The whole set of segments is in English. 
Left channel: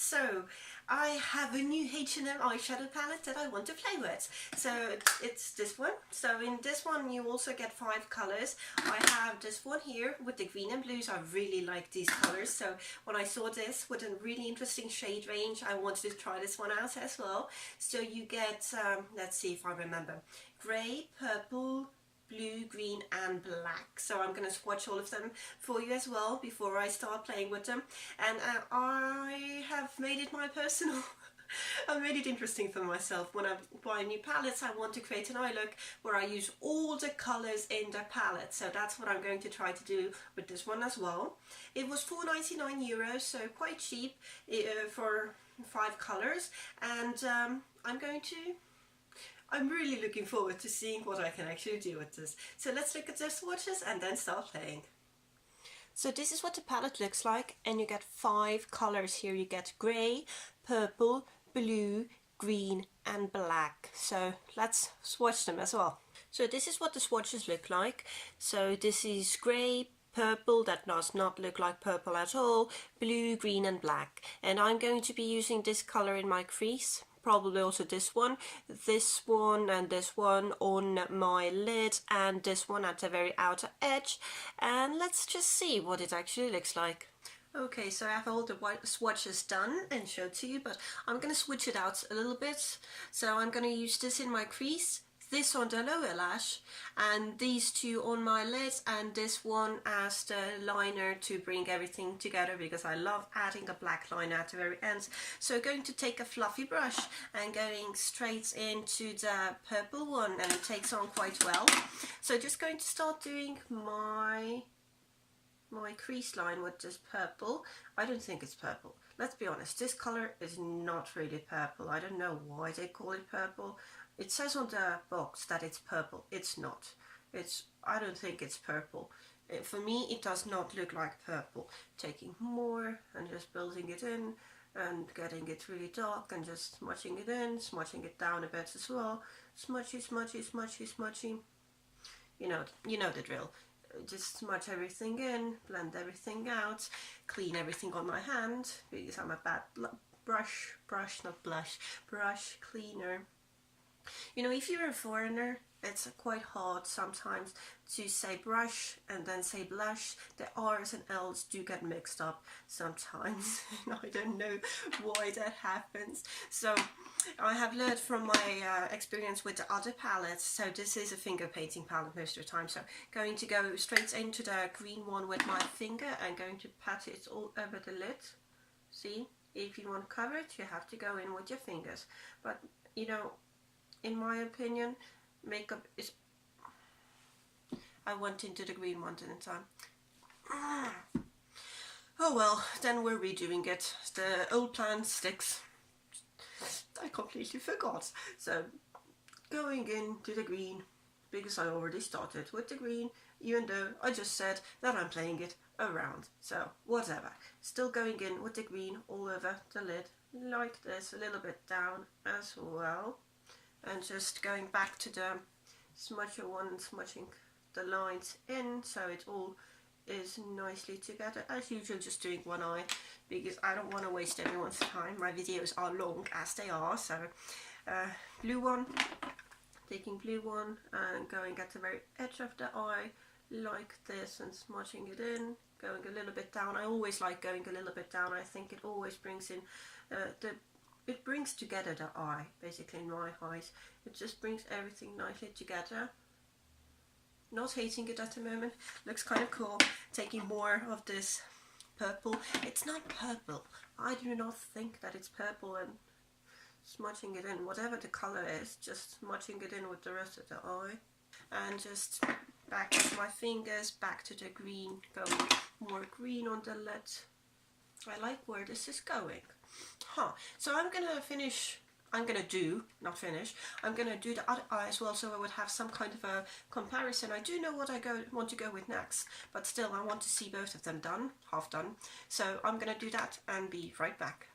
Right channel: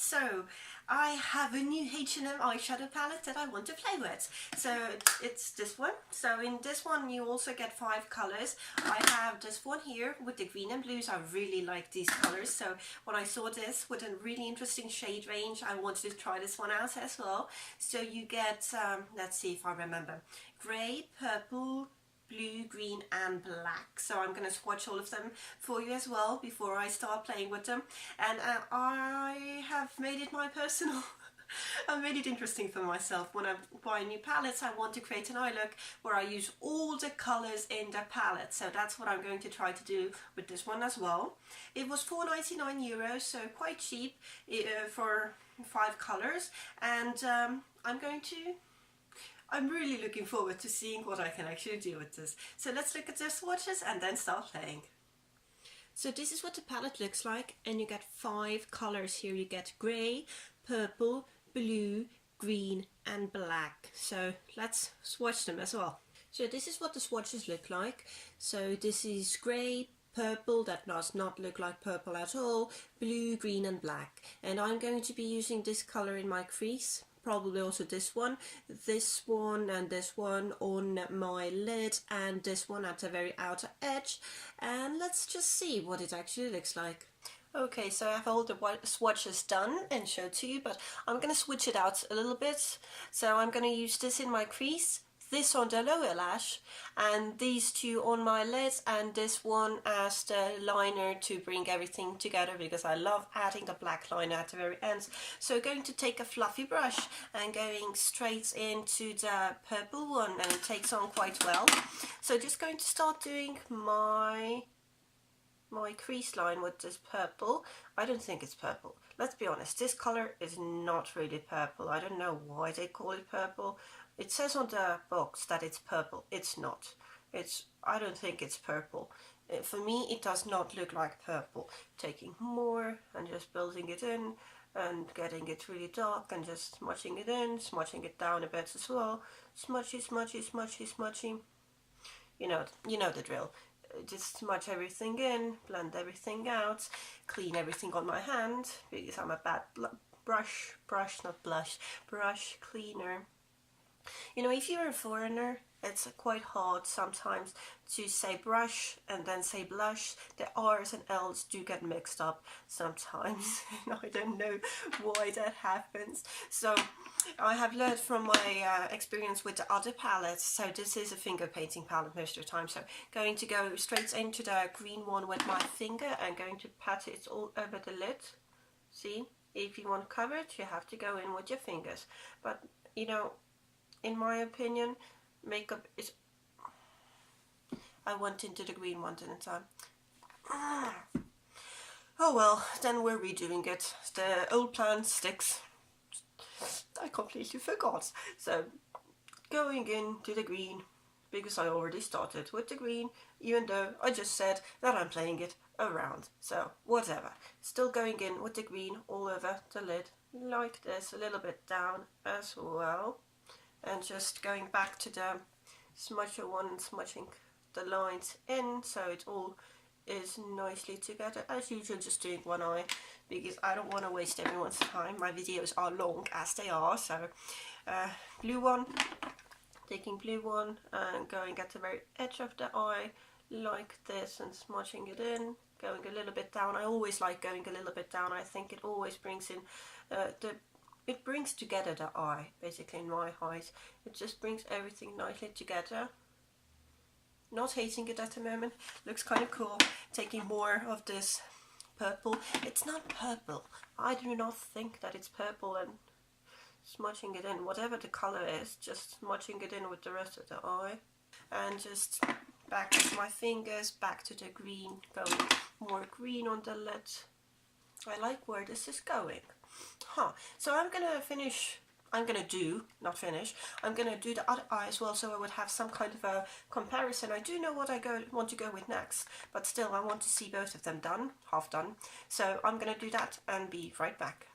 So I have a new H&M eyeshadow palette that I want to play with. So it's this one. So in this one you also get 5 colors. I have this one here with the green and blues. I really like these colors. So when I saw this with a really interesting shade range, I wanted to try this one out as well. So you get, let's see if I remember, grey, purple, blue, green and black. So I'm going to swatch all of them for you as well before I start playing with them. And I have made it my personal I've made it interesting for myself. When I buy new palettes, I want to create an eye look where I use all the colours in the palette. So that's what I'm going to try to do with this one as well. It was €4.99, so quite cheap for 5 colours. And I'm really looking forward to seeing what I can actually do with this. So let's look at the swatches and then start playing. So this is what the palette looks like, and you get 5 colors here. You get grey, purple, blue, green and black. So let's swatch them as well. So this is what the swatches look like. So this is grey, purple, that does not look like purple at all, blue, green and black. And I'm going to be using this color in my crease. Probably also this one and this one on my lid, and this one at the very outer edge. And let's just see what it actually looks like. Okay, so I have all the swatches done and showed to you, but I'm going to switch it out a little bit. So I'm going to use this in my crease, this on the lower lash, and these two on my lids, and this one as the liner to bring everything together, because I love adding a black liner at the very ends. So going to take a fluffy brush and going straight into the purple one, and it takes on quite well. So just going to start doing my crease line with this purple. I don't think it's purple. Let's be honest, this color is not really purple. I don't know why they call it purple. It says on the box that it's purple. It's not. I don't think it's purple. For me, it does not look like purple. Taking more and just building it in and getting it really dark and just smudging it in, smudging it down a bit as well. Smudgy, smudgy, smudgy, smudgy. You know the drill. Just smudge everything in, blend everything out, clean everything on my hand because I'm a bad brush cleaner. You know, if you're a foreigner, it's quite hard sometimes to say brush and then say blush. The R's and L's do get mixed up sometimes, and I don't know why that happens. So I have learned from my experience with the other palettes. So this is a finger painting palette most of the time. So going to go straight into the green one with my finger and going to pat it all over the lid. See, if you want coverage, you have to go in with your fingers. But you know, in my opinion, makeup is... I went into the green one, didn't I? Oh well, then we're redoing it. The old plan sticks. I completely forgot. So, going into the green, because I already started with the green, even though I just said that I'm playing it around. So, whatever. Still going in with the green all over the lid, like this, a little bit down as well. And just going back to the smudger one and smudging the lines in so it all is nicely together. As usual, just doing one eye because I don't want to waste everyone's time. My videos are long as they are. So blue one, taking blue one and going at the very edge of the eye like this and smudging it in, going a little bit down. I always like going a little bit down. I think it always brings in it brings together the eye, basically, in my eyes. It just brings everything nicely together. Not hating it at the moment. Looks kind of cool. Taking more of this purple. It's not purple. I do not think that it's purple, and smudging it in, whatever the color is, just smudging it in with the rest of the eye. And just back to my fingers, back to the green, going more green on the lid. I like where this is going. So I'm gonna do the other eye as well, so I would have some kind of a comparison. I do know what I want to go with next, but still I want to see both of them done, half done. So I'm gonna do that and be right back.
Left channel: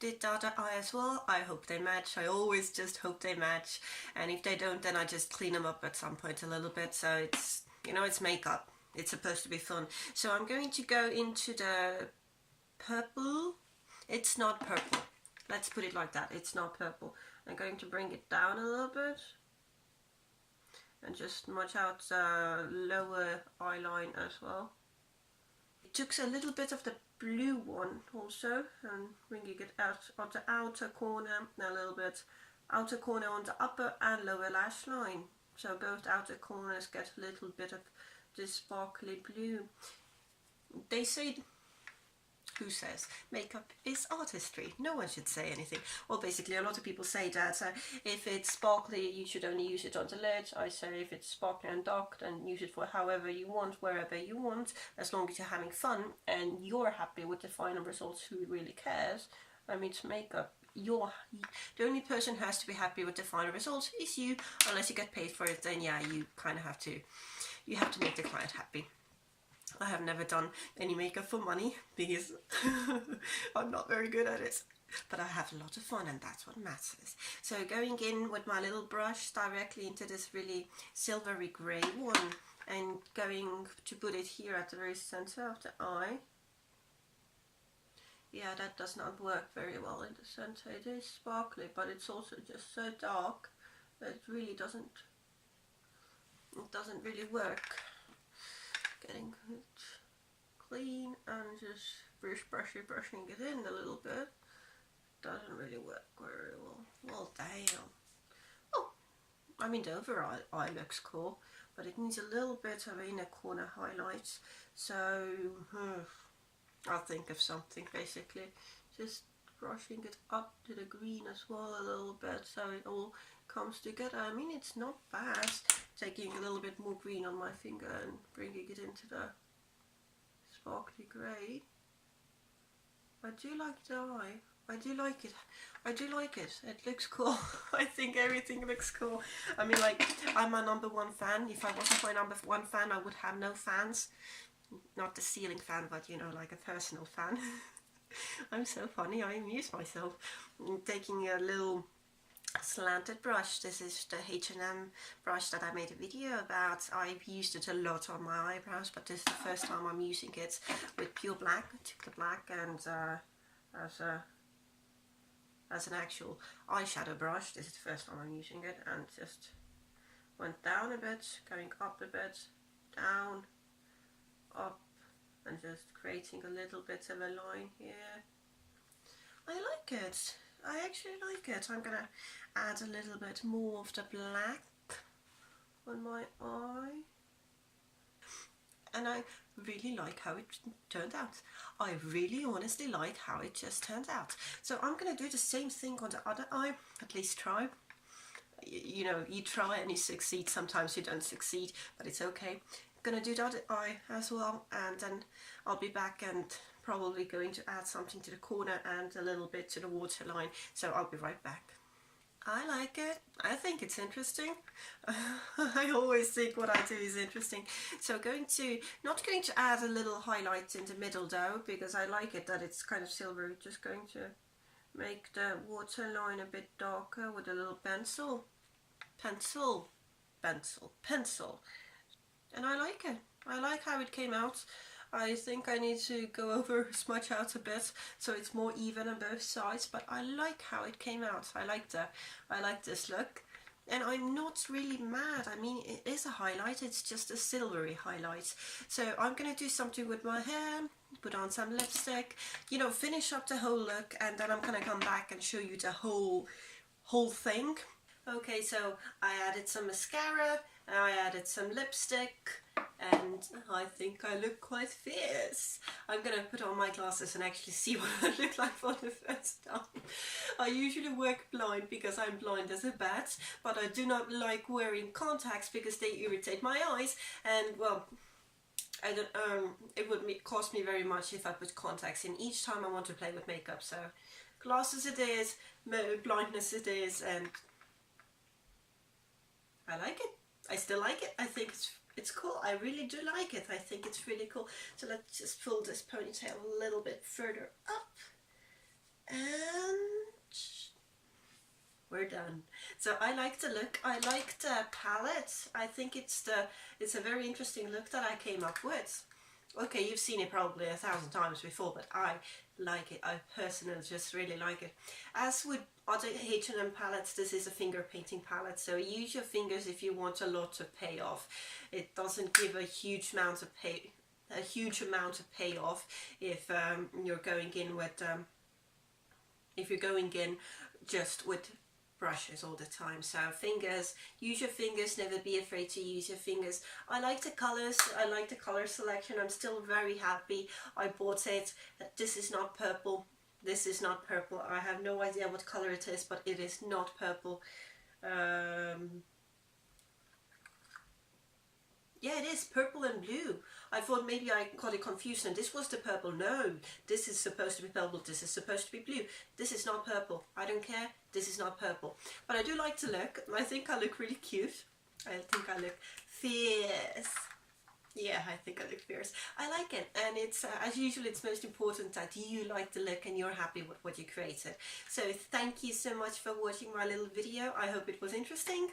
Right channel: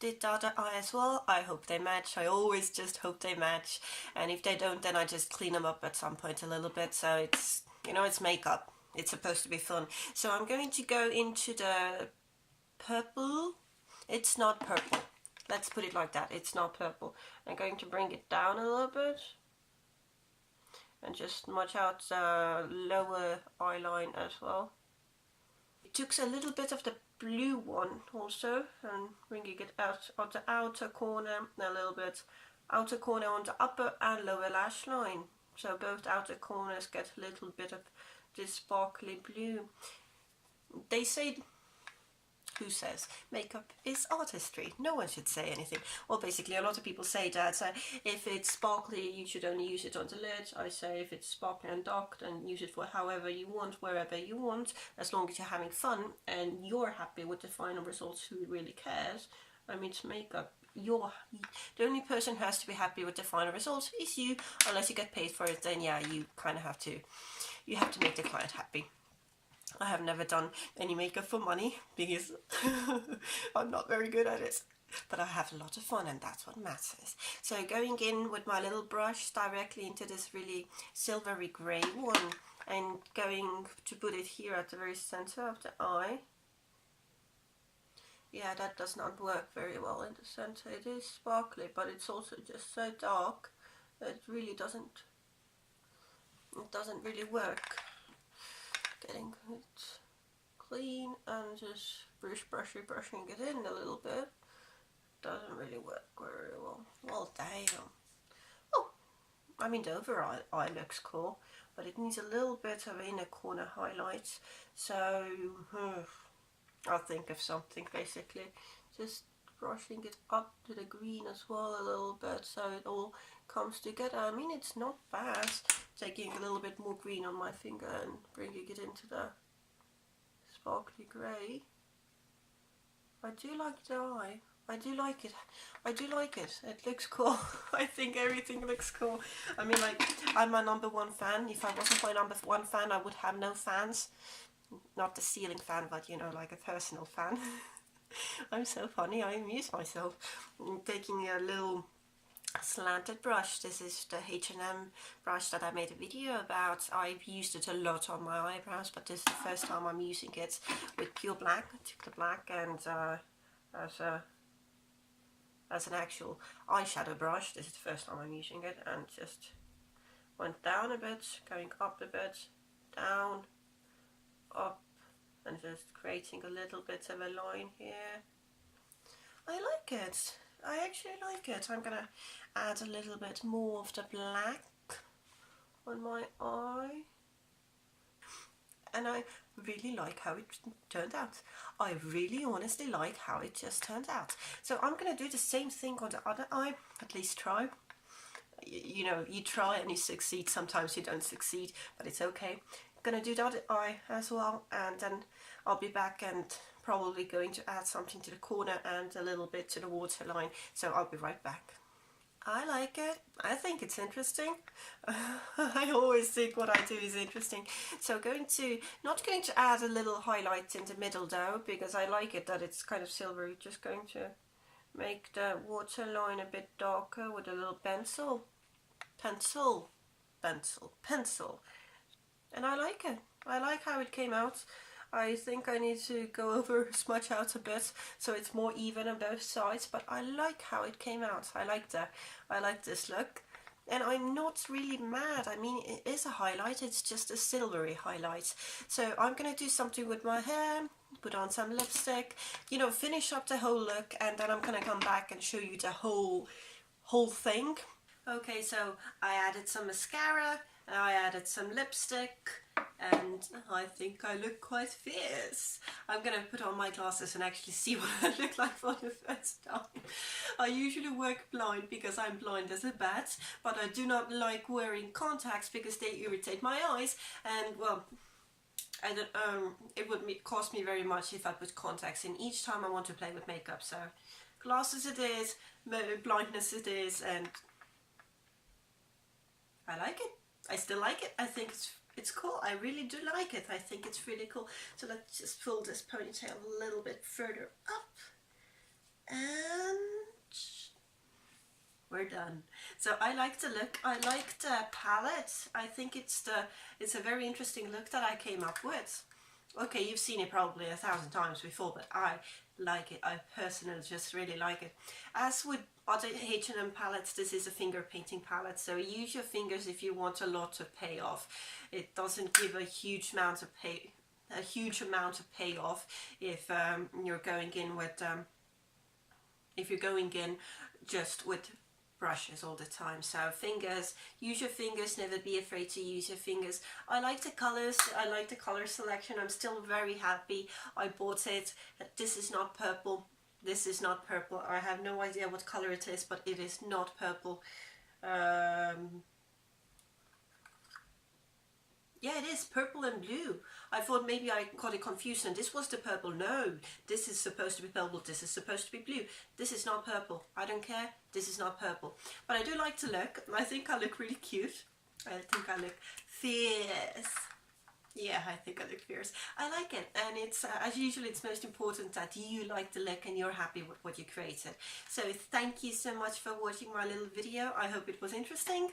Did the other eye as well. I hope they match. I always just hope they match, and if they don't, then I just clean them up at some point a little bit. So it's, you know, it's makeup. It's supposed to be fun. So I'm going to go into the purple It's not purple. Let's put it like that. It's not purple. I'm going to bring it down a little bit and just smudge out the lower eye line as well. It took a little bit of the blue one also and bringing it out on the outer corner, a little bit outer corner on the upper and lower lash line. So both outer corners get a little bit of this sparkly blue. They say, who says makeup is artistry? No one should say anything. Well, basically a lot of people say that if it's sparkly you should only use it on the lid. I say if it's sparkly and dark then use it for however you want, wherever you want, as long as you're having fun and you're happy with the final results. Who really cares? I mean, it's makeup. The only person who has to be happy with the final results is you, unless you get paid for it. Then yeah, you kind of have to make the client happy. I have never done any makeup for money because I'm not very good at it, but I have a lot of fun and that's what matters. So going in with my little brush directly into this really silvery grey one and going to put it here at the very center of the eye. Yeah, that does not work very well in the center. It is sparkly, but it's also just so dark that it really doesn't really work. Getting it clean and just brushing it in a little bit. Doesn't really work very well. Well, damn. Oh, I mean the overall eye looks cool, but it needs a little bit of inner corner highlights. So I'll think of something basically. Just brushing it up to the green as well a little bit so it all comes together. I mean, it's not bad. Taking a little bit more green on my finger and bringing it into the sparkly grey. I do like the eye. I do like it. I do like it. It looks cool. I think everything looks cool. I mean, like, I'm my #1 fan. If I wasn't my #1 fan, I would have no fans. Not the ceiling fan, but you know, like a personal fan. I'm so funny. I amuse myself. Taking a little slanted brush. This is the H&M brush that I made a video about. I've used it a lot on my eyebrows, but this is the first time I'm using it with pure black. I took the black and as an actual eyeshadow brush. This is the first time I'm using it, and just went down a bit, going up a bit, down, up, and just creating a little bit of a line here. I like it. I actually like it. I'm gonna add a little bit more of the black on my eye. And I really like how it turned out. I really honestly like how it just turned out. So I'm gonna do the same thing on the other eye, at least try. You know, you try and you succeed. Sometimes you don't succeed, but it's okay. I'm gonna do the other eye as well, and then I'll be back and probably going to add something to the corner and a little bit to the waterline. So I'll be right back. I like it. I think it's interesting. I always think what I do is interesting. So not going to add a little highlight in the middle though, because I like it that it's kind of silvery. Just going to make the waterline a bit darker with a little pencil. And I like it. I like how it came out. I think I need to go over, smudge out a bit so it's more even on both sides, but I like how it came out. I like this look, and I'm not really mad. I mean, it is a highlight, it's just a silvery highlight. So I'm gonna do something with my hair, put on some lipstick, you know, finish up the whole look, and then I'm gonna come back and show you the whole thing. Okay, so I added some mascara, and I added some lipstick, and I think I look quite fierce. I'm gonna put on my glasses and actually see what I look like for the first time. I usually work blind because I'm blind as a bat, but I do not like wearing contacts because they irritate my eyes, and well, I don't, it would cost me very much if I put contacts in each time I want to play with makeup. So glasses it is, blindness it is, and I like it. I still like it. I think it's cool. I really do like it. I think it's really cool. So let's just pull this ponytail a little bit further up, and we're done. So I like the look. I like the palette. I think it's a very interesting look that I came up with. Okay, you've seen it probably 1,000 times before, but I like it. I personally just really like it. As with other H&M palettes, this is a finger painting palette, so use your fingers if you want a lot of payoff. It doesn't give a huge amount of payoff if you're going in with just with brushes all the time. So fingers, use your fingers, never be afraid to use your fingers. I like the colors, I like the color selection. I'm still very happy I bought it. This is not purple, this is not purple. I have no idea what color it is, but it is not purple. Yeah, it is purple and blue. I thought maybe I got it confused and this was the purple. No, this is supposed to be purple, this is supposed to be blue. This is not purple. I don't care, this is not purple. But I do like to look. I think I look really cute. I think I look fierce. Yeah, I think I look fierce. I like it, and it's as usual, it's most important that you like the look and you're happy with what you created. So thank you so much for watching my little video. I hope it was interesting.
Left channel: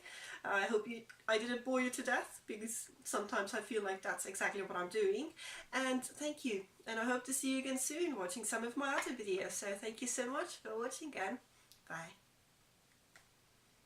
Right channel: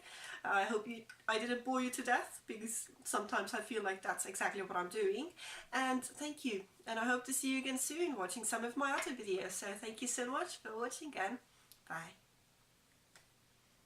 I hope I didn't bore you to death, because sometimes I feel like that's exactly what I'm doing. And thank you, and I hope to see you again soon watching some of my other videos. So thank you so much for watching again. Bye.